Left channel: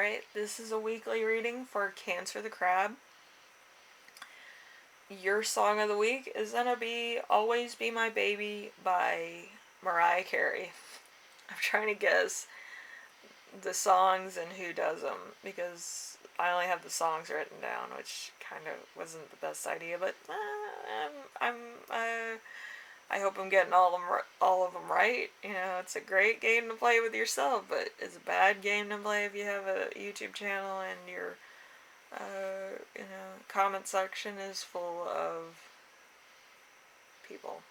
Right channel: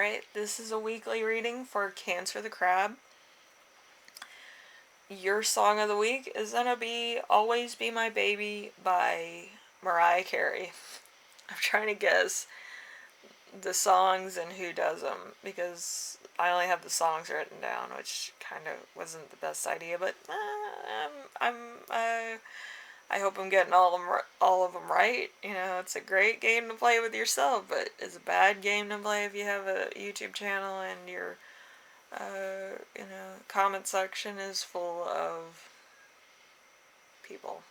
Alright, this is a weekly reading for Cancer the Crab. Your song of the week is gonna be Always Be My Baby by Mariah Carey. I'm trying to guess the songs and who does them because I only have the songs written down, which kind of wasn't the best idea, but I hope I'm getting all of them right. You know, it's a great game to play with yourself, but it's a bad game to play if you have a YouTube channel and your comment section is full of people.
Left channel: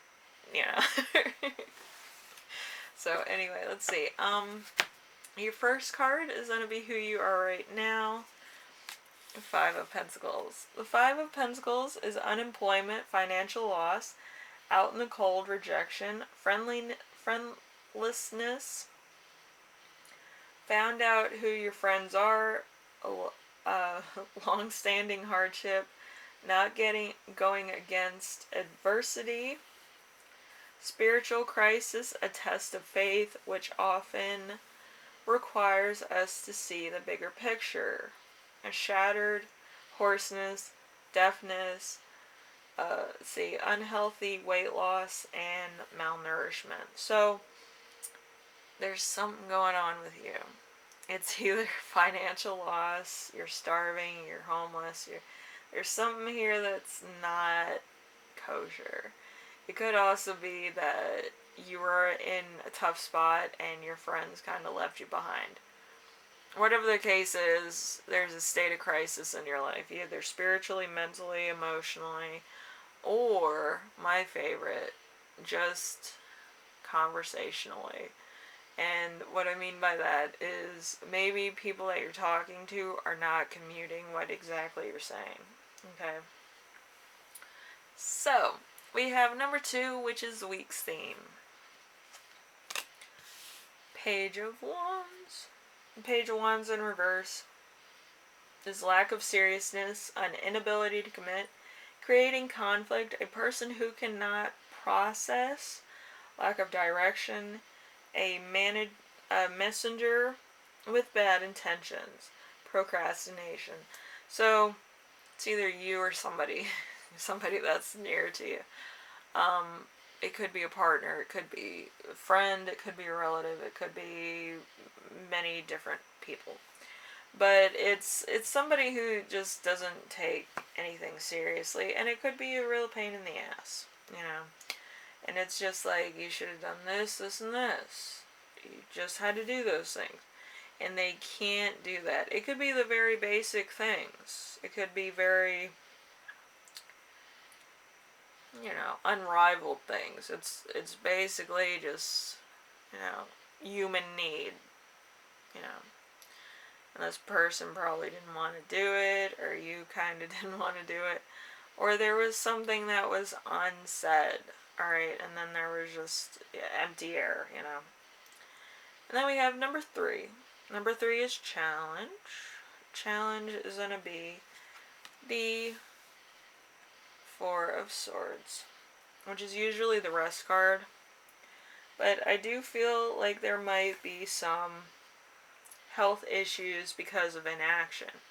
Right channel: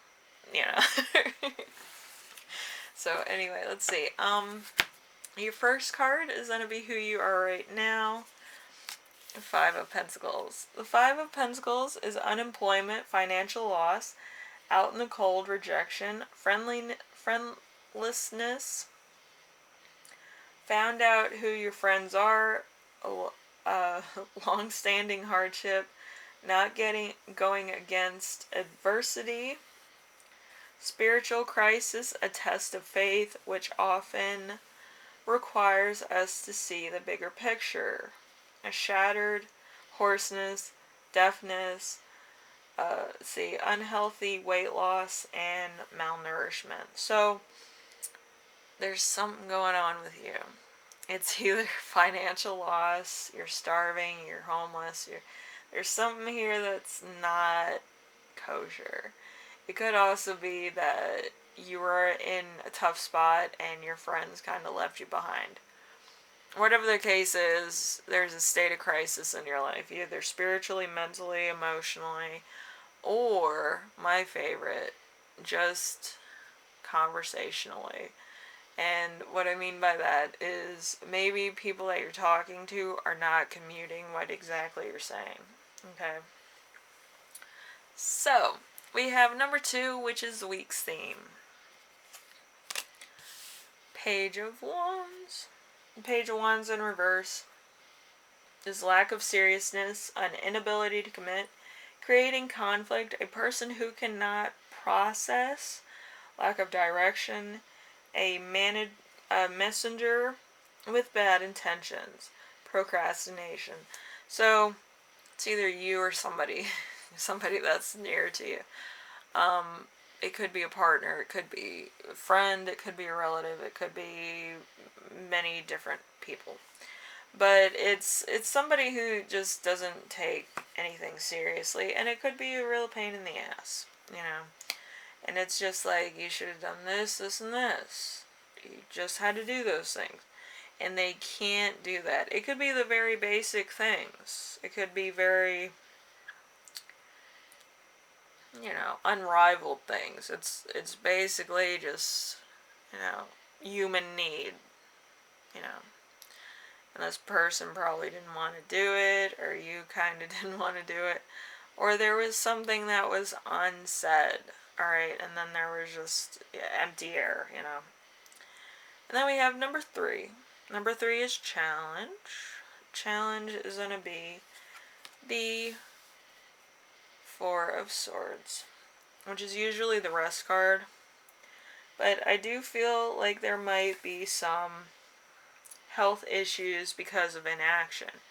You know. So anyway, let's see. Your first card is gonna be who you are right now. Five of Pentacles. The Five of Pentacles is unemployment, financial loss, out in the cold, rejection, friendlessness, found out who your friends are, long-standing hardship, not going against adversity, spiritual crisis, a test of faith, which often requires us to see the bigger picture, a shattered hoarseness, deafness, unhealthy weight loss, and malnourishment. So there's something going on with you. It's either financial loss, you're starving, you're homeless, there's something here that's not kosher. It could also be that you were in a tough spot and your friends kind of left you behind. Whatever the case is, there's a state of crisis in your life, either spiritually, mentally, emotionally, or, my favorite, just conversationally. And what I mean by that is maybe people that you're talking to are not commuting what exactly you're saying. Okay? So, we have number 2, which is the week's theme. Page of Wands. Page of Wands in reverse is lack of seriousness, an inability to commit, creating conflict, a person who cannot process, lack of direction, a messenger with bad intentions, procrastination. So it's either you or somebody that's near to you. It could be a partner, it could be a friend, it could be a relative, it could be many different people. But it's somebody who just doesn't take anything seriously, and it could be a real pain in the ass, you know. And it's just like, you should have done this, this, and this. You just had to do those things. And they can't do that. It could be the very basic things. It could be very, unrivaled things. It's basically just, human need, And this person probably didn't want to do it, or you kind of didn't want to do it. Or there was something that was unsaid, alright, and then there was just empty air, And then we have number 3. Number 3 is challenge. Challenge is going to be the Four of Swords, which is usually the rest card. But I do feel like there might be some health issues because of inaction.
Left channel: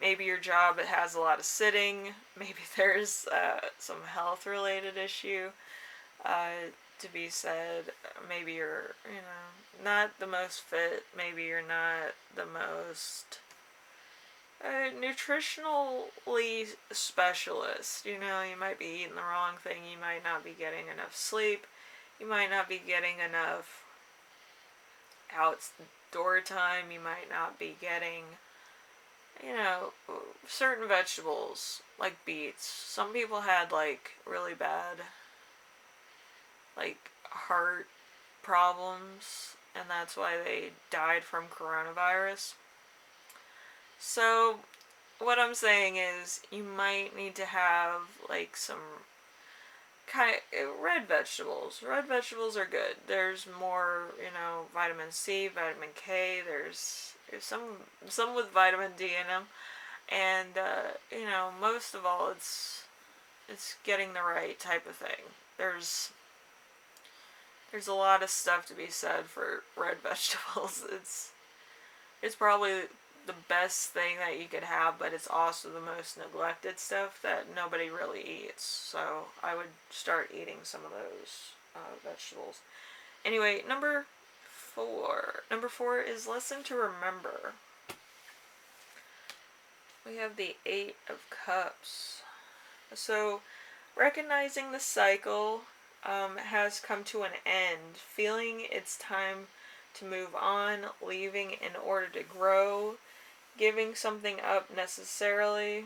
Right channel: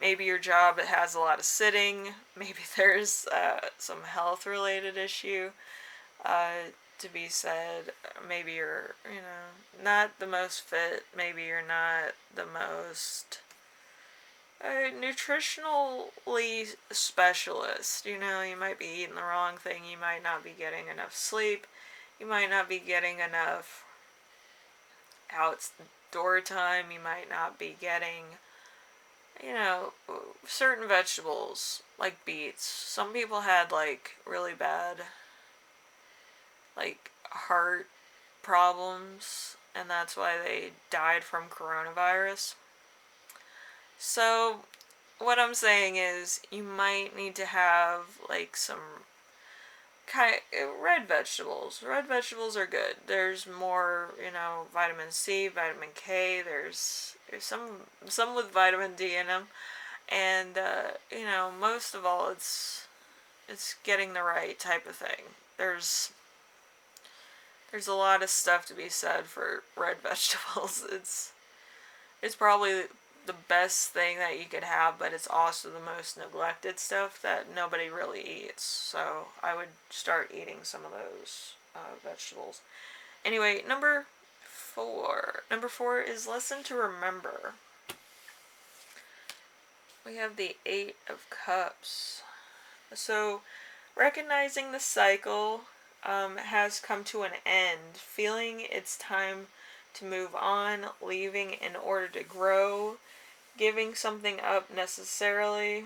Maybe your job has a lot of sitting. Maybe there's some health related issue to be said. Maybe you're, not the most fit. Maybe you're not the most nutritionally specialist. You might be eating the wrong thing. You might not be getting enough sleep. You might not be getting enough outdoor time. You might not be getting, certain vegetables like beets. Some people had really bad heart problems, and that's why they died from coronavirus. So what I'm saying is you might need to have some kind of red vegetables. Red vegetables are good. There's more, vitamin C, vitamin K. There's some with vitamin D in them, and most of all, it's getting the right type of thing. There's a lot of stuff to be said for red vegetables. It's probably the best thing that you could have, but it's also the most neglected stuff that nobody really eats. So I would start eating some of those vegetables. Anyway, number 4. Number 4 is listen to remember. We have the 8 of Cups. So recognizing the cycle has come to an end, feeling it's time to move on, leaving in order to grow, giving something up necessarily,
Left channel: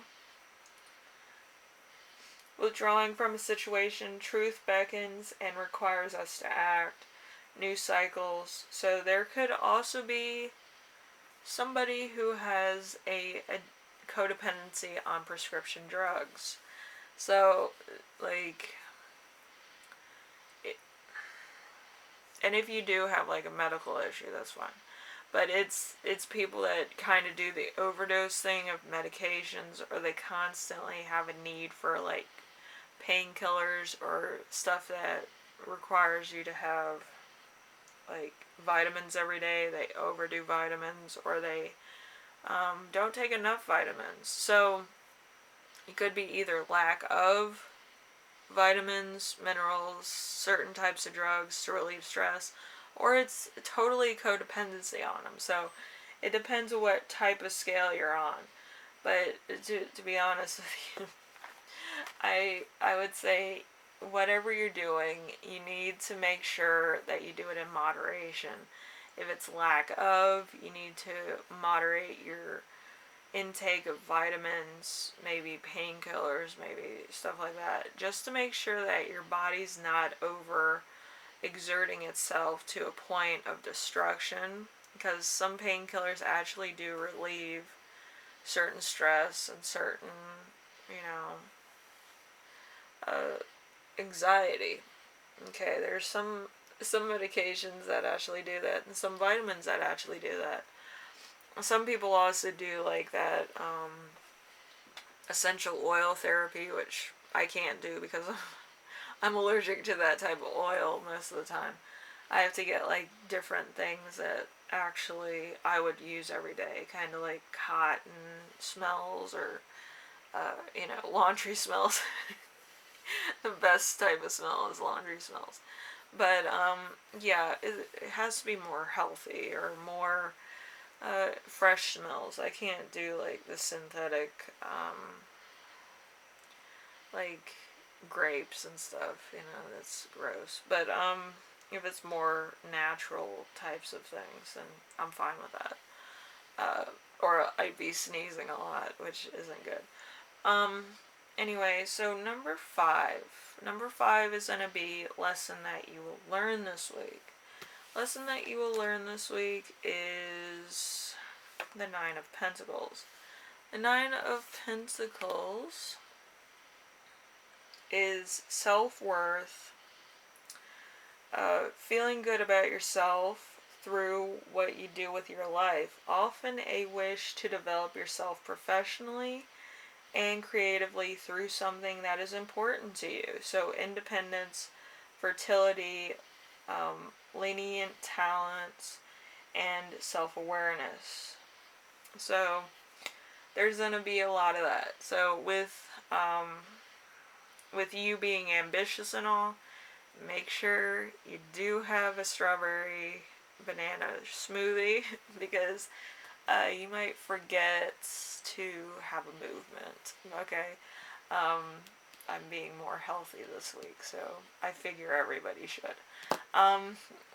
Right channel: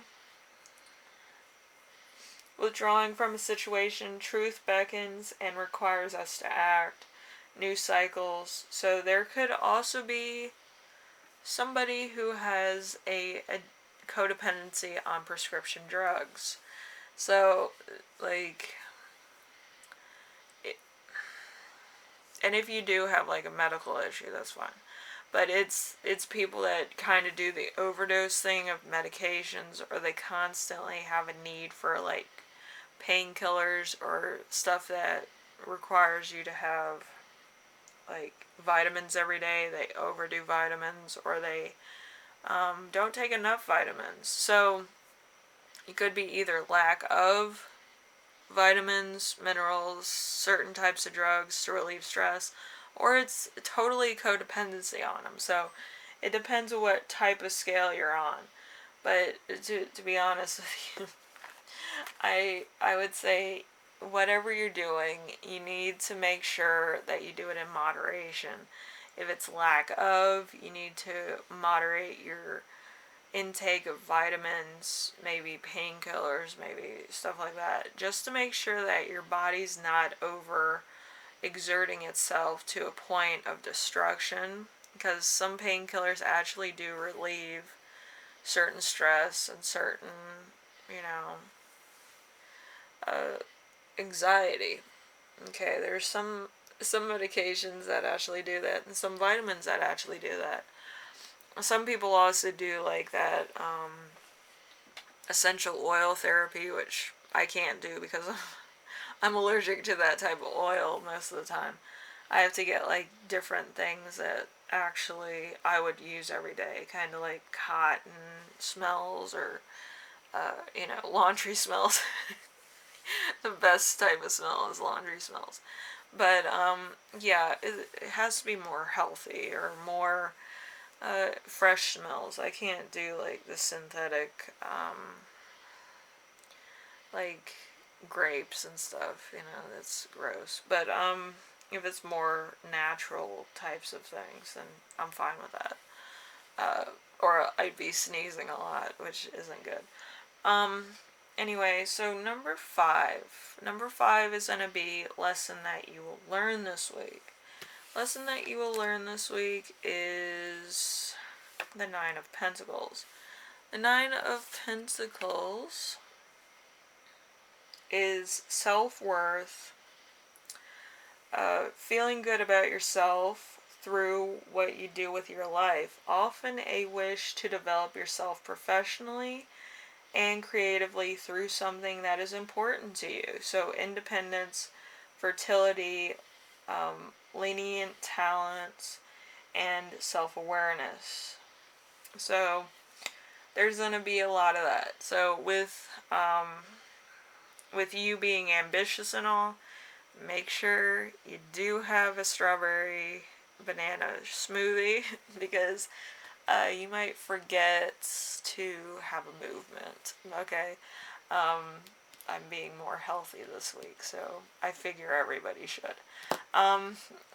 withdrawing from a situation, truth beckons and requires us to act, new cycles. So there could also be somebody who has a codependency on prescription drugs. So, like, and if you do have like a medical issue, that's fine. But it's people that kind of do the overdose thing of medications, or they constantly have a need for like painkillers or stuff that requires you to have like vitamins every day. They overdo vitamins, or they don't take enough vitamins. So it could be either lack of vitamins, minerals, certain types of drugs to relieve stress, or it's totally codependency on them. So it depends on what type of scale you're on. But to be honest with you, I would say whatever you're doing, you need to make sure that you do it in moderation. If it's lack of, you need to moderate your intake of vitamins, maybe painkillers, maybe stuff like that, just to make sure that your body's not over exerting itself to a point of destruction, because some painkillers actually do relieve certain stress and certain, you know, anxiety. Okay, there's some medications that actually do that, and some vitamins that actually do that. Some people also do like that essential oil therapy, which I can't do because I'm allergic to that type of oil most of the time. I have to get like different things that actually I would use every day, kind of like cotton smells, or laundry smells. The best type of smell is laundry smells. But yeah, it has to be more healthy or more fresh smells. I can't do like the synthetic like grapes and stuff, that's gross. But if it's more natural types of things, then I'm fine with that. Or I'd be sneezing a lot, which isn't good. Anyway, so number 5. Number 5 is going to be lesson that you will learn this week. Lesson that you will learn this week is the 9 of Pentacles. The 9 of Pentacles is self-worth, feeling good about yourself through what you do with your life. Often a wish to develop yourself professionally and creatively through something that is important to you. So independence, fertility, lenient talents, and self-awareness. So there's going to be a lot of that. So with you being ambitious and all, make sure you do have a strawberry banana smoothie because you might forget to have a movement. Okay, I'm being more healthy this week, so I figure everybody should.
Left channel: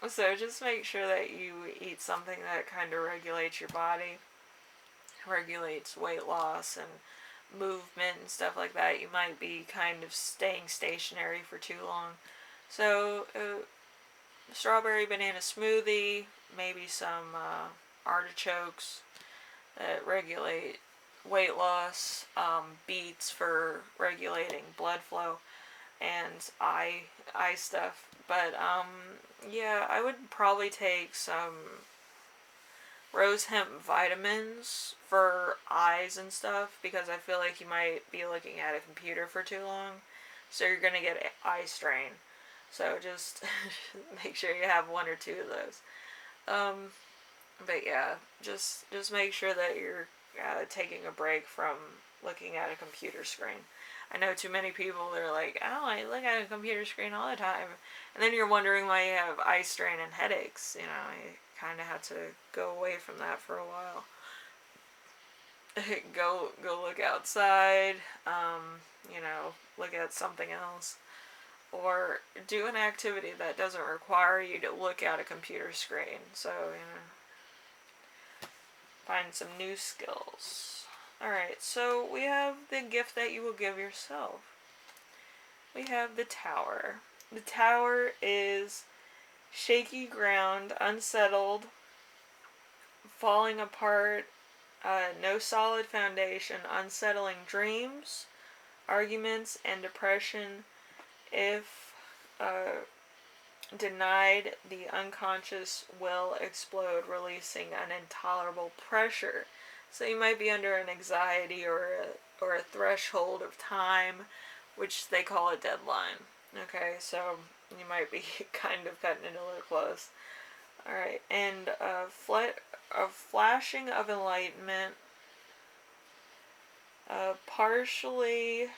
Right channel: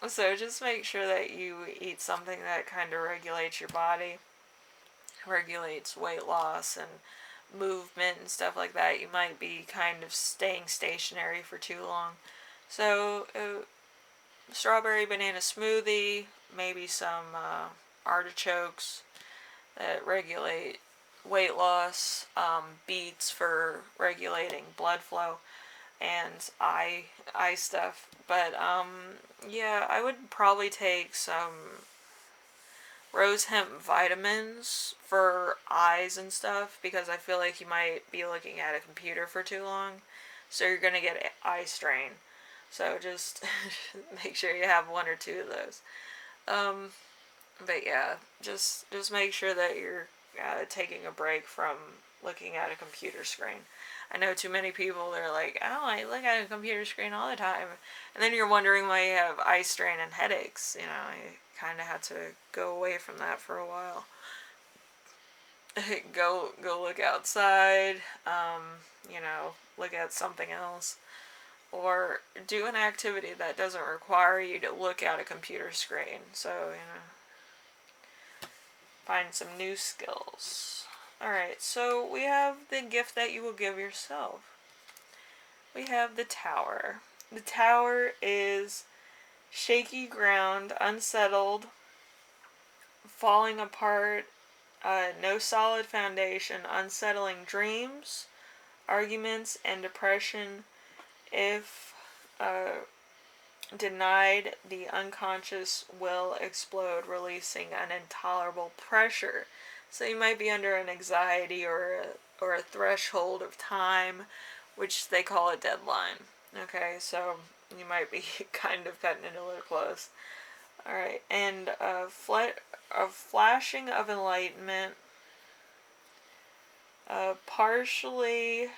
So just make sure that you eat something that kind of regulates your body, regulates weight loss and movement and stuff like that. You might be kind of staying stationary for too long. So strawberry banana smoothie, maybe some artichokes that regulate weight loss, beets for regulating blood flow, and eye stuff. But yeah, I would probably take some rose hemp vitamins for eyes and stuff, because I feel like you might be looking at a computer for too long, so you're gonna get eye strain. So just make sure you have 1 or 2 of those. But yeah, just make sure that you're taking a break from looking at a computer screen. I know too many people that are like, oh, I look at a computer screen all the time. And then you're wondering why you have eye strain and headaches. You know, I kind of had to go away from that for a while. Go look outside, you know, look at something else. Or do an activity that doesn't require you to look at a computer screen. So, you know, find some new skills. Alright, so we have the gift that you will give yourself. We have the tower. The tower is shaky ground, unsettled, falling apart, no solid foundation, unsettling dreams, arguments, and depression. If denied, the unconscious will explode, releasing an intolerable pressure. So you might be under an anxiety or a threshold of time, which they call a deadline. Okay, so you might be kind of cutting it a little close. Alright, and a flashing of enlightenment, partially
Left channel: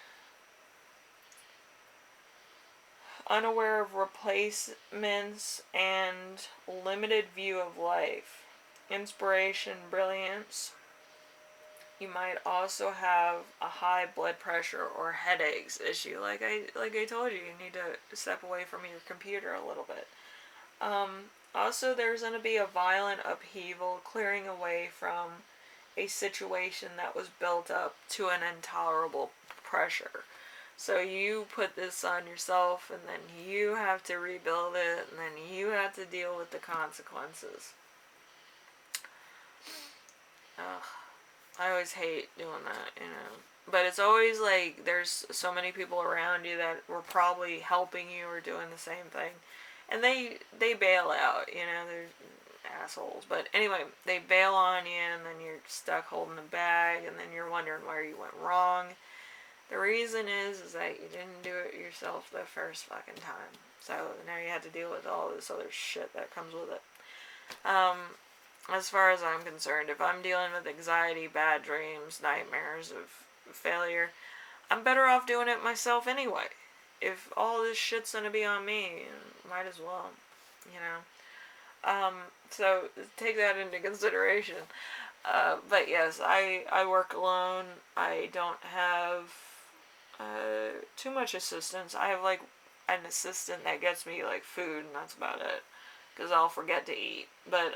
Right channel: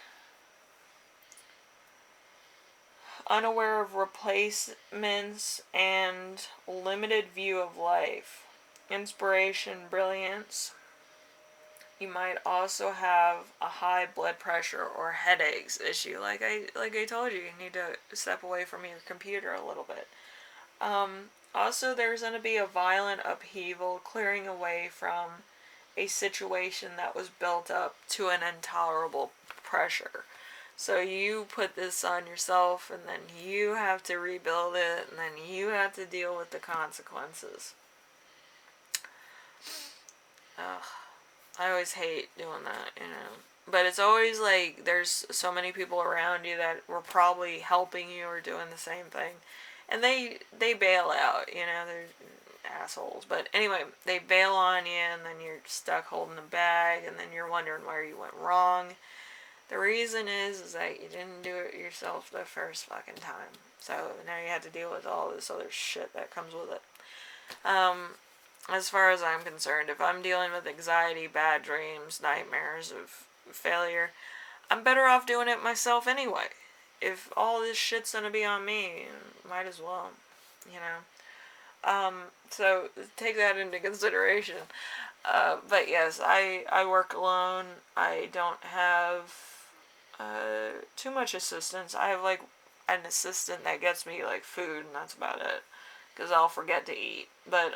unaware of replacements, and limited view of life. Inspiration, brilliance. You might also have a high blood pressure or headaches issue. Like I told you, you need to step away from your computer a little bit. Also, there's going to be a violent upheaval, clearing away from a situation that was built up to an intolerable pressure. So you put this on yourself, and then you have to rebuild it, and then you have to deal with the consequences. Ugh. I always hate doing that, you know. But it's always like there's so many people around you that were probably helping you or doing the same thing. And they bail out, you know, they're assholes. But anyway, they bail on you, and then you're stuck holding the bag, and then you're wondering where you went wrong. The reason is that you didn't do it yourself the first fucking time. So now you have to deal with all this other shit that comes with it. As far as I'm concerned, if I'm dealing with anxiety, bad dreams, nightmares of failure, I'm better off doing it myself anyway. If all this shit's gonna be on me, might as well, you know. So take that into consideration. But yes, I work alone. I don't have too much assistance. I have like an assistant that gets me like food, and that's about it. Because I'll forget to eat. But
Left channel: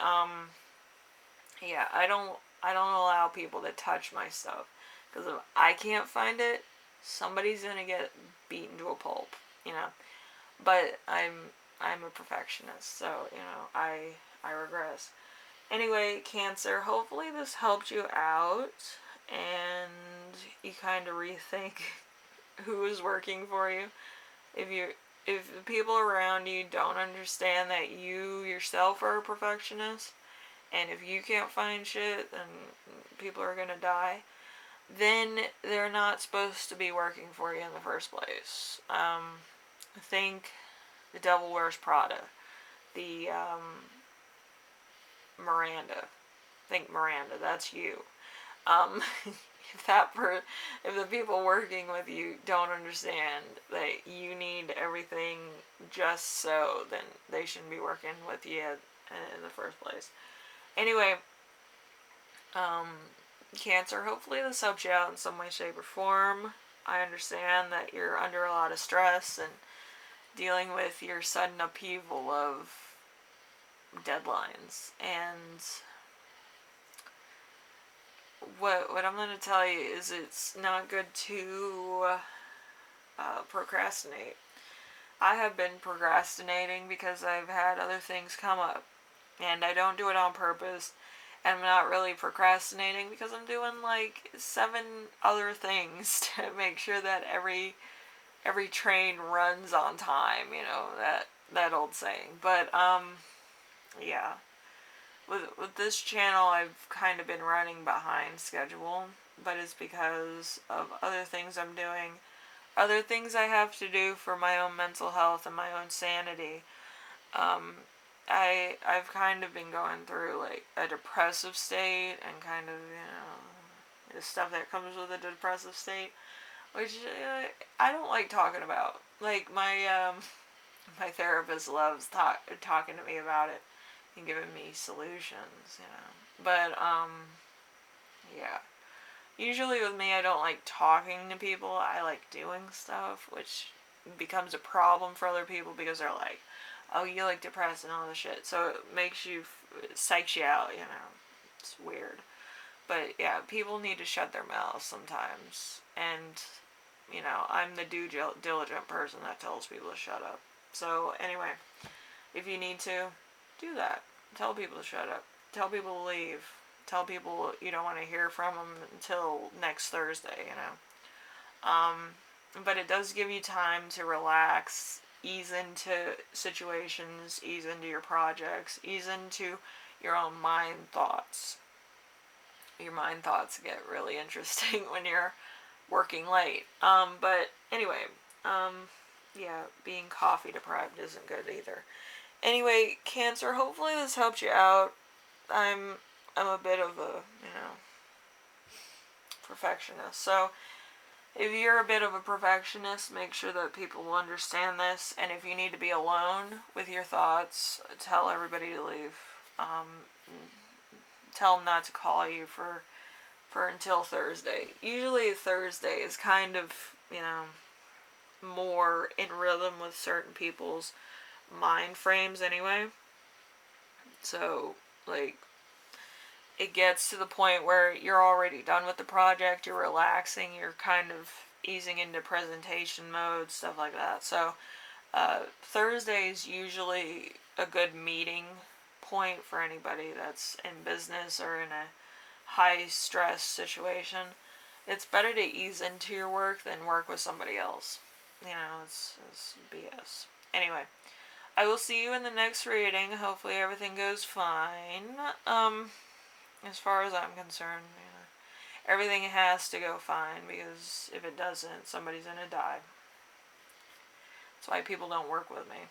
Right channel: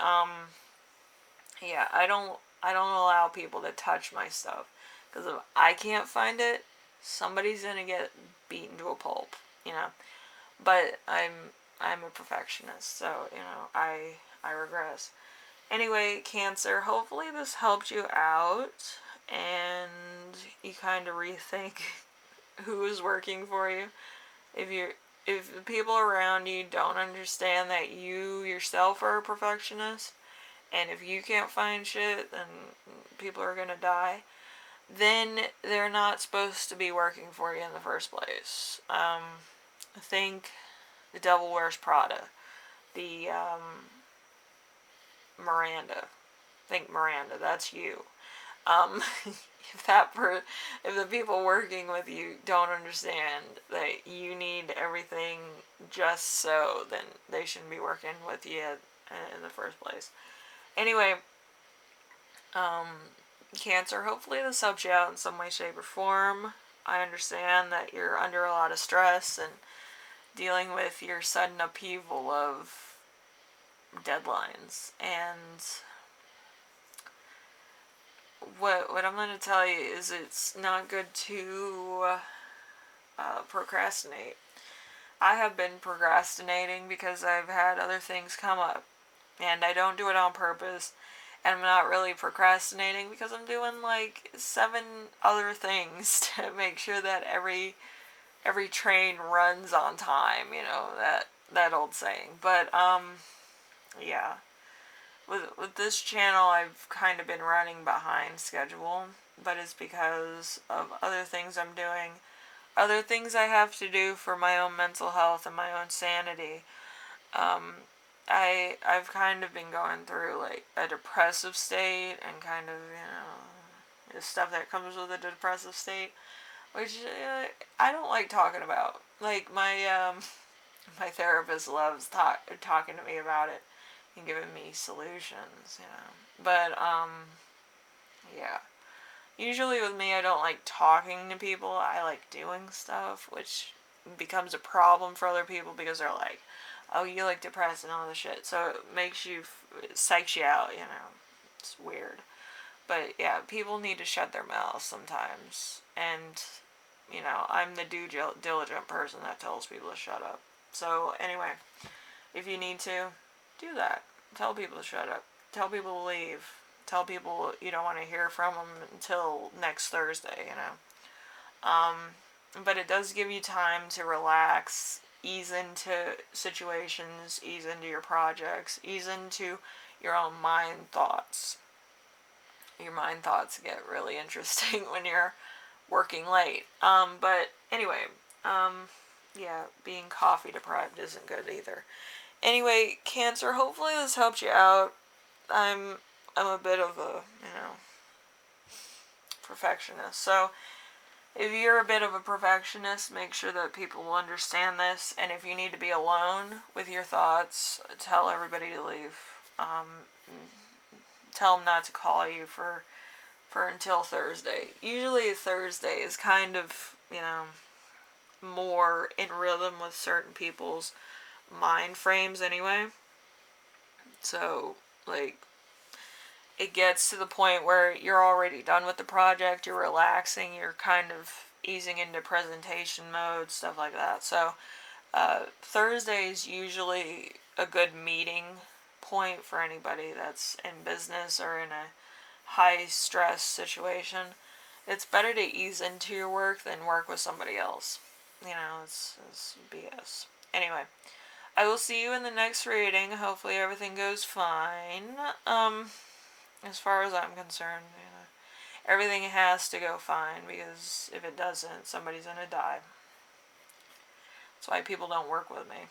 yeah, I don't allow people to touch my stuff. Because if I can't find it, somebody's gonna get beaten to a pulp, you know. But I'm a perfectionist, so you know I regress. Anyway, Cancer, hopefully this helped you out and you kind of rethink who is working for you. If the people around you don't understand that you yourself are a perfectionist, and if you can't find shit, then people are gonna die, then they're not supposed to be working for you in the first place. I think The Devil Wears Prada. The Miranda. Think Miranda, that's you. If the people working with you don't understand that you need everything just so, then they shouldn't be working with you in the first place. Anyway, Cancer, hopefully this helps you out in some way, shape, or form. I understand that you're under a lot of stress and dealing with your sudden upheaval of deadlines, and what I'm going to tell you is it's not good to procrastinate. I have been procrastinating because I've had other things come up, and I don't do it on purpose, and I'm not really procrastinating because I'm doing like 7 other things to make sure that every train runs on time, you know, that old saying. But yeah, with this channel, I've kind of been running behind schedule, but it's because of other things I'm doing, other things I have to do for my own mental health and my own sanity. I've kind of been going through like a depressive state and kind of, the stuff that comes with a depressive state, which I don't like talking about. Like my therapist loves talking to me about it and giving me solutions, But yeah. Usually with me, I don't like talking to people. I like doing stuff, which becomes a problem for other people because they're like, "Oh, you look depressed and all this shit." So it makes you, it psychs you out. It's weird. But yeah, people need to shut their mouths sometimes, and I'm the due diligent person that tells people to shut up. So anyway, if you need to, do that. Tell people to shut up. Tell people to leave. Tell people you don't want to hear from them until next Thursday. But it does give you time to relax, ease into situations, ease into your projects, ease into your own mind thoughts. Your mind thoughts get really interesting when you're working late. But anyway, yeah, being coffee deprived isn't good either. Anyway, Cancer, hopefully this helped you out. I'm a bit of a, perfectionist. So if you're a bit of a perfectionist, make sure that people will understand this. And if you need to be alone with your thoughts, tell everybody to leave. Tell them not to call you for until Thursday. Usually Thursday is kind of, more in rhythm with certain people's mind frames anyway. So, like, it gets to the point where you're already done with the project, you're relaxing, you're kind of easing into presentation mode, stuff like that. So, Thursday is usually a good meeting point for anybody that's in business or in a high stress situation. It's better to ease into your work than work with somebody else. It's BS. Anyway, I will see you in the next reading. Hopefully everything goes fine. As far as I'm concerned, everything has to go fine because if it doesn't, somebody's gonna die. That's why people don't work with me.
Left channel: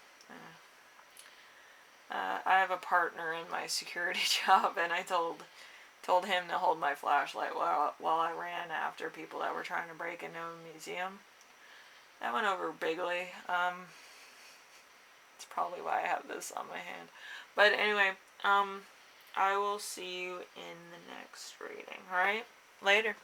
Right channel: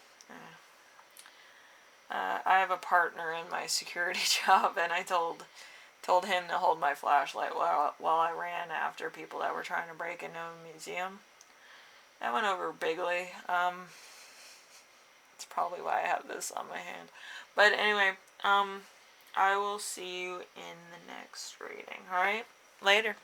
I have a partner in my security job, and I told him to hold my flashlight while I ran after people that were trying to break into a museum. That went over bigly. It's probably why I have this on my hand. But anyway, I will see you in the next reading. Alright? Later.